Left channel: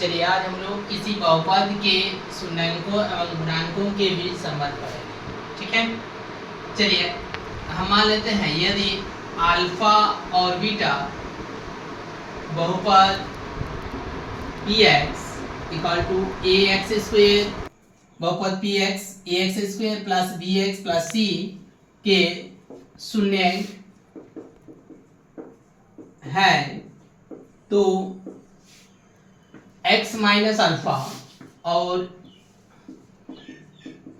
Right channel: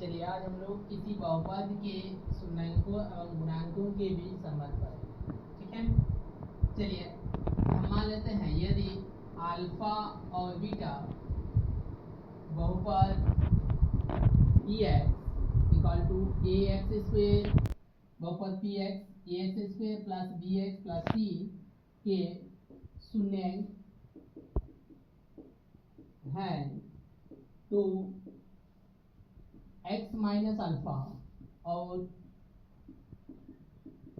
चलिए आज हम लोग किसी बहुपद के शून्यांकों एवं गुणांकों के बीच संबंध पढ़ेंगे। ठीक है, चलिए हम मान लेते हैं यदि अल्फा और बीटा बहुपद P X equal to A X square, बहुपद P X A X square plus B X plus C के शून्यांक है तो x माइनस अल्फा और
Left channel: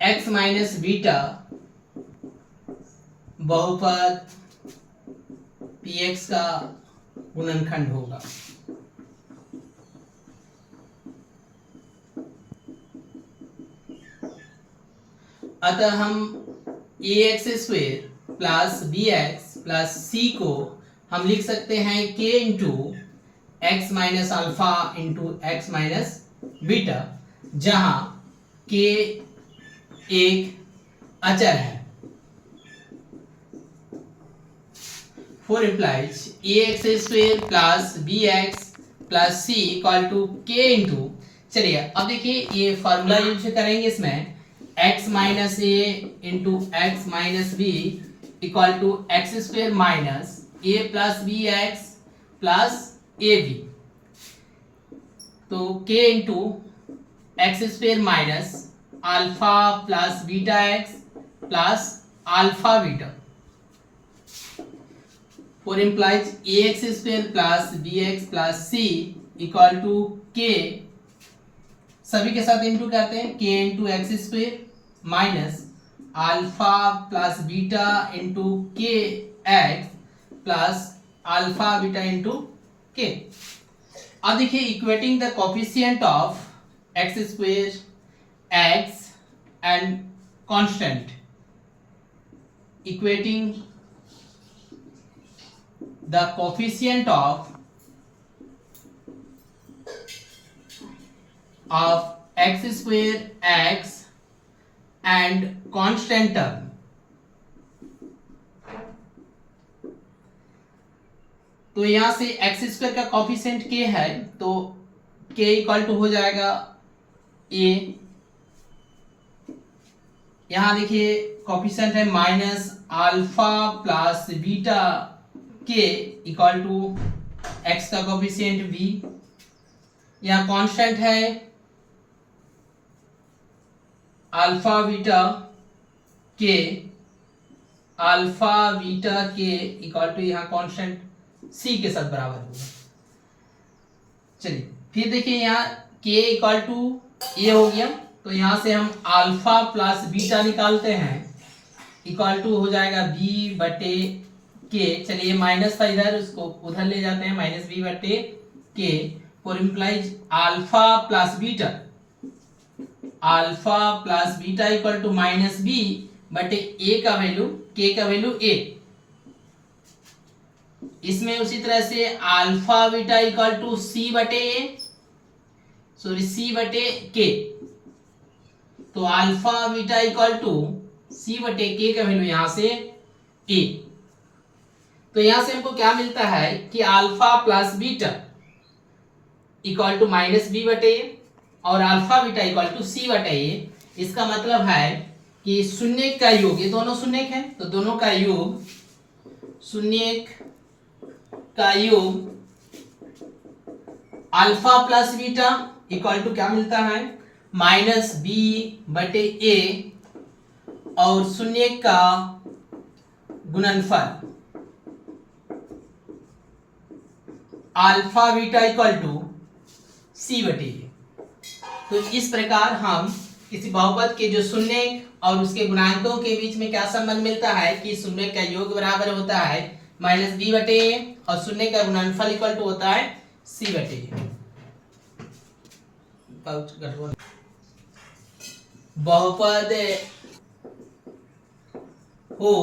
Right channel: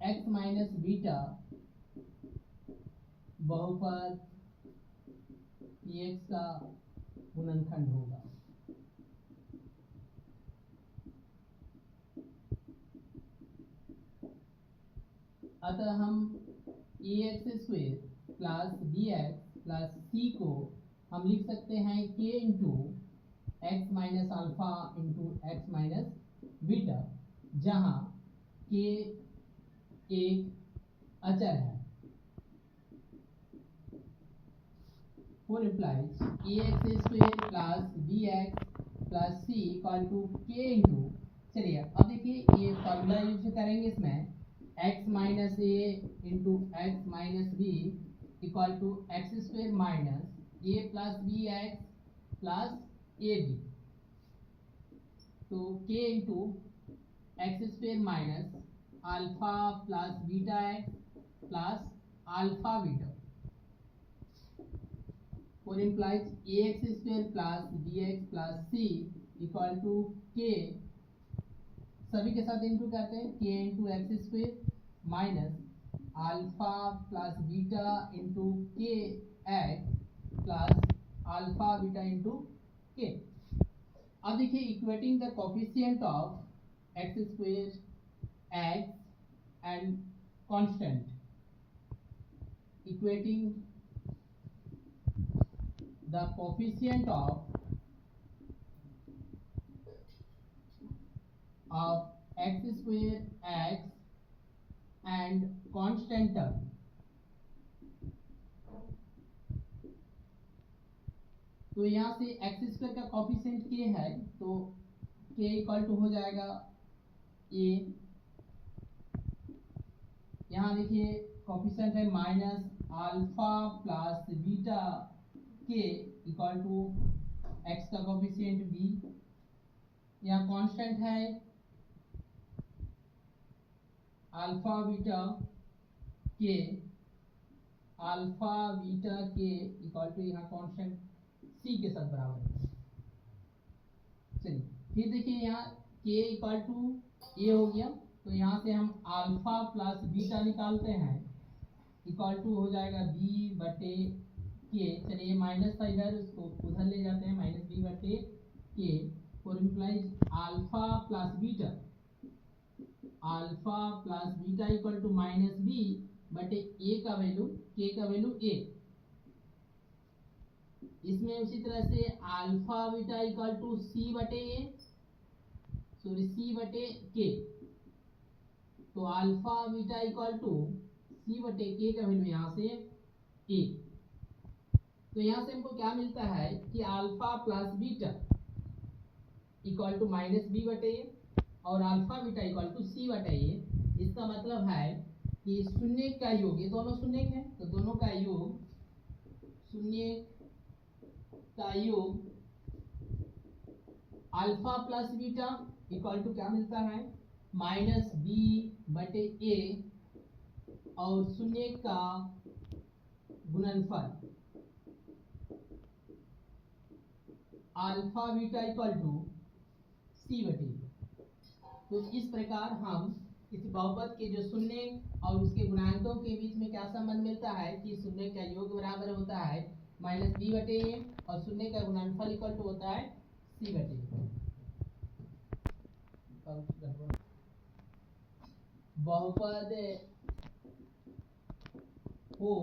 x माइनस बीटा बहुपद px का गुणनखंड होगा। अतः हम ax square plus bx plus c को हम लिख सकते हैं k into X minus alpha into X minus beta, जहां k एक अचर है। Four implies A X square plus B X plus C equal to K into, चलिए अब देखिए ये फॉर्मूला यूज करेंगे इसमें x minus A into X minus B equal to X square minus A plus B X plus A B, तो k into X square minus alpha plus beta X plus alpha beta, for implies A X square plus B X plus C equal to K, सभी के साथ into करते हैं k into X square minus alpha plus beta into K X plus alpha beta into K. अब देखिए equating the coefficient of X square X and constant, equating the coefficient of x square x and constant term, तो यहां से x square का coefficient k है तो k equal to हो जाएगा a, यहां देखिए कॉफिशिएंट है माइनस अल्फा प्लस बीटा के इक्वल टू एक्स का कोफिशिएंट b, यहाँ कांस्टेंट है अल्फा बीटा के, अल्फा बीटा के इक्वल टू यहाँ कांस्टेंट c के साथ बराबर होगा। चलिए फिर देखिए यहाँ k इक्वल टू a हो गया तो यहाँ से हम अल्फा प्लस बीटा निकालते हैं इक्वल टू हो जाएगा b बटे के, चलिए माइनस था इधर उसको उधर ले जाते हैं माइनस बी बटे के, for implies alpha plus beta, alpha plus beta equal to minus B बटे ए का वैल्यू के का वैल्यू ए, इसमें उसी तरह से alpha beta equal to C बटे ए, सॉरी सी बटे के, तो alpha beta equal to C बटे के का वैल्यू यहां से ए, तो यहां से हमको क्या मिलता है कि alpha plus beta equal to minus B बटे और alpha beta equal to C बटे ए, इसका मतलब है कि शून्य का योग, ये दोनों शून्य है तो दोनों का योग, शून्य का योग alpha plus beta equal to क्या मिलता है माइनस बी बटे ए और शून्य का गुणनफल alpha beta equal to C बटे ए। तो इस प्रकार हम किसी बहुपद के जो शून्य और उसके गुणांकों के बीच में क्या संबंध मिलता है कि शून्य का योग बराबर होता है माइनस बी बटे ए और शून्य का गुणनफल इक्वल टू होता है सी बटे ए। बहुपद हो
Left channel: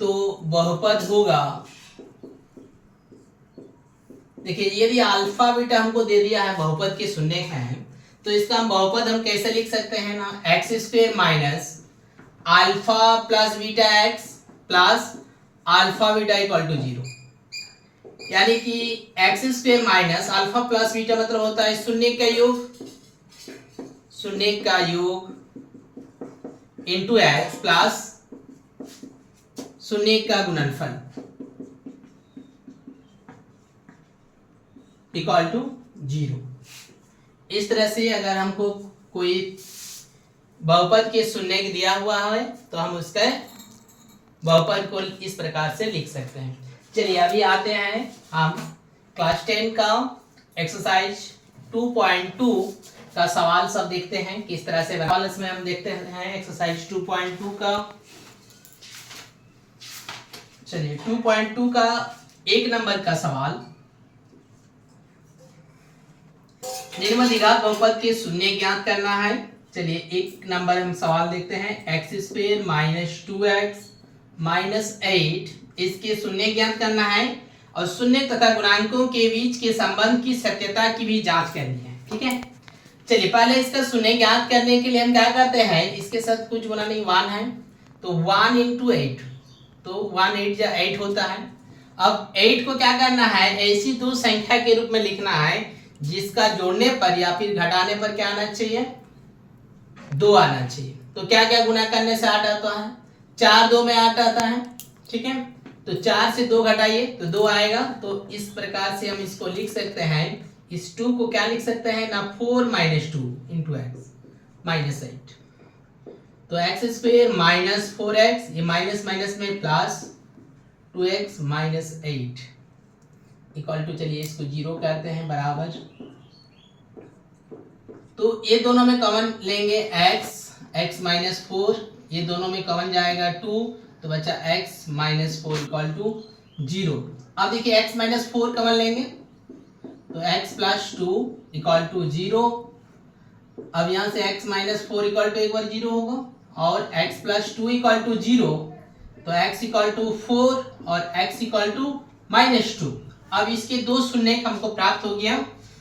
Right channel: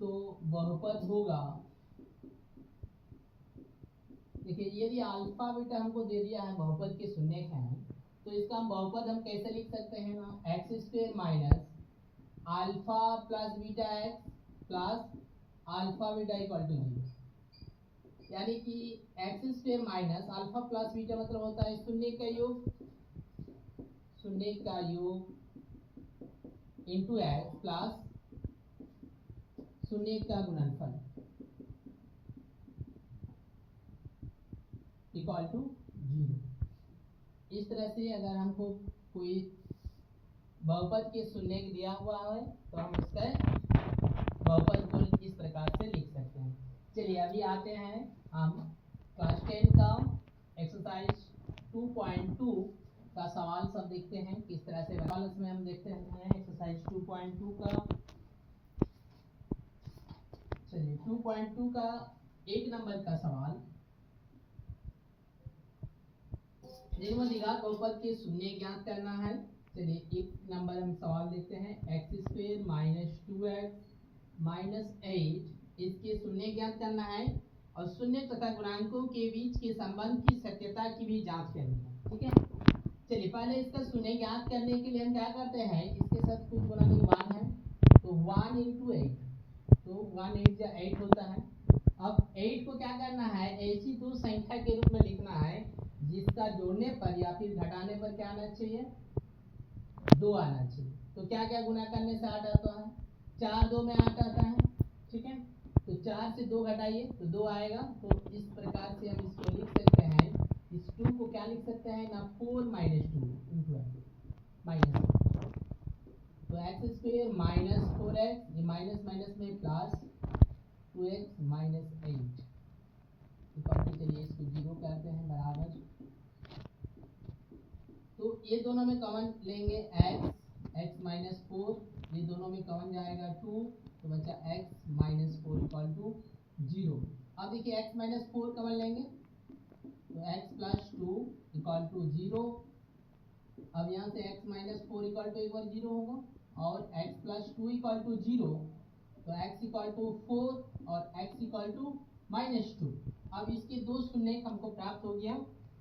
तो बहुपद होगा, देखिए यदि अल्फा बीटा हमको दे दिया है बहुपद के शून्य हैं तो इसका हम बहुपद हम कैसे लिख सकते हैं ना, X square minus alpha plus beta X plus alpha beta equal to 0, यानी कि X square minus alpha plus beta मतलब होता है शून्य का योग इंटू एक्स प्लस शून्य का गुणनफल इक्वल टू 0। इस तरह से अगर हमको कोई बहुपद के शून्य दिया हुआ है तो हम उसका बहुपद को इस प्रकार से लिख सकते हैं। चलिए अभी आते हैं हम क्लास 10 का एक्सरसाइज 2.2 का सवाल सब देखते हैं किस तरह से सवाल इसमें हम देखते हैं एक्सरसाइज 2.2 का। चलिए 2.2 का 1 नंबर का सवाल, निम्नलिखित बहुपद के शून्य ज्ञात करना है। चलिए 1 नंबर हम सवाल देखते हैं, x square minus 2x minus 8 इसके शून्य ज्ञात करना है और शून्य तथा गुणांकों के बीच के संबंध की सत्यता की भी जांच करनी है। ठीक है, चलिए पहले इसका शून्य ज्ञात करने के लिए हम क्या करते हैं, इसके साथ कुछ गुना नहीं 1 है तो 1 इंटू 8 तो 1 8 या 8 होता है। अब 8 को क्या करना है, ऐसी दो संख्या के रूप में लिखना है जिसका जोड़ने पर या फिर घटाने पर क्या आना चाहिए, 2 आना चाहिए। तो क्या क्या गुना करने से 8 आता है, 4 2 में 8 आता है। ठीक है, तो 4 से 2 घटाइए तो 2 आएगा। तो इस प्रकार से हम इसको लिख सकते हैं, इस 2 को क्या लिख सकते हैं ना, 4 माइनस 2 इंटू एक्स माइनस 8। तो एक्स स्क्वायर माइनस 4x, ये माइनस माइनस में plus 2x minus 8 equal to, चलिए इसको 0 करते हैं बराबर। तो ये दोनों में कॉमन लेंगे x माइनस 4, ये दोनों में कॉमन जाएगा 2 तो बचा x माइनस 4 इक्वल टू 0। अब देखिए x माइनस 4 कॉमन लेंगे तो x प्लस 2 इक्वल टू 0। अब यहाँ से x माइनस 4 इक्वल टू एक बार 0 होगा और x प्लस 2 इक्वल टू 0 तो x इक्वल टू 4 और x इक्वल टू माइनस 2। अब इसके दो शून्य हमको प्राप्त हो गया,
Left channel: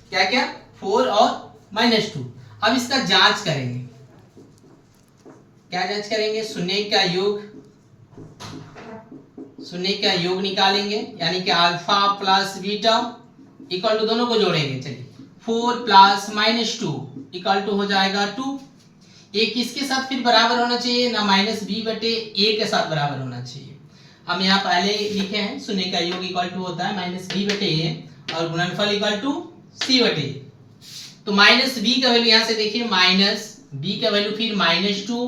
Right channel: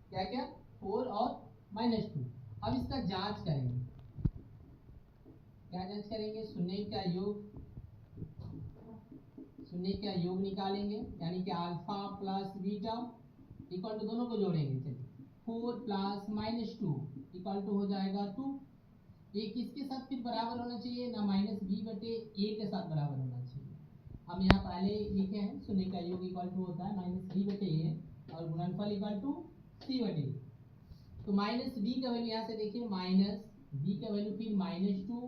क्या क्या, 4 और माइनस 2। अब इसका जांच करेंगे, क्या जांच करेंगे, शून्य का योग निकालेंगे यानी कि alpha plus beta equal to, दोनों को जोड़ेंगे। चलिए 4 प्लस माइनस 2 इक्वल टू हो जाएगा 2। ये किसके साथ फिर बराबर होना चाहिए ना, माइनस बी बटे ए के साथ बराबर होना चाहिए। हम यहाँ पहले लिखे हैं शून्य का योग इक्वल टू होता है माइनस बी बटे ए और गुणनफल इक्वल टू सी बटे ए। तो माइनस बी का वैल्यू यहाँ से देखिए, माइनस बी का वैल्यू फिर माइनस 2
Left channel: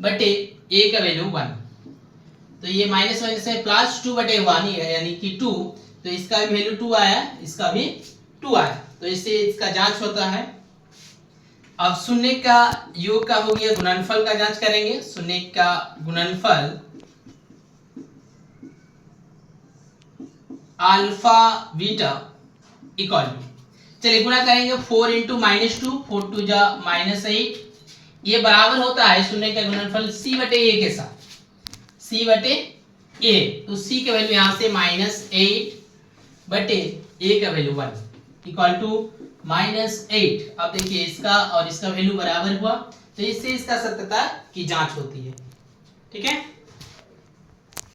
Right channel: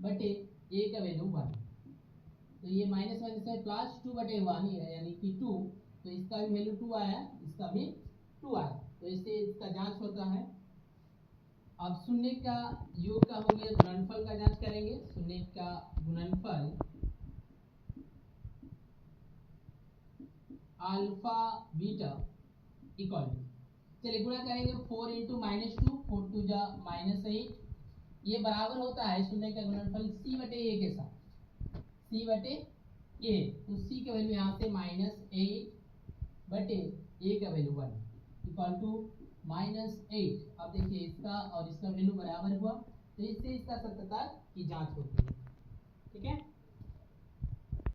बटे ए का वैल्यू 1। तो ये माइनस माइनस में प्लस 2 बटे 1 ही है यानी कि 2। तो इसका भी वैल्यू 2 आया, इसका भी 2 आया। तो इससे इसका जांच होता है। अब शून्य का योग का हो गया, गुणनफल का जांच करेंगे। शून्य का गुणनफल अल्फा बीटा इक्वल टू, चलिए गुणा करेंगे 4 इंटू माइनस 2, 4 2 जा माइनस 8, ये बराबर होता है शून्य का गुणनफल सी बटे ए के साथ, सी बटे ए। तो सी का वैल्यू यहाँ से माइनस 8 बटे ए का वैल्यू 1 इक्वल टू माइनस 8। अब देखिए इसका और इसका वैल्यू बराबर हुआ तो इससे इसका सत्यता की जांच होती है। ठीक है।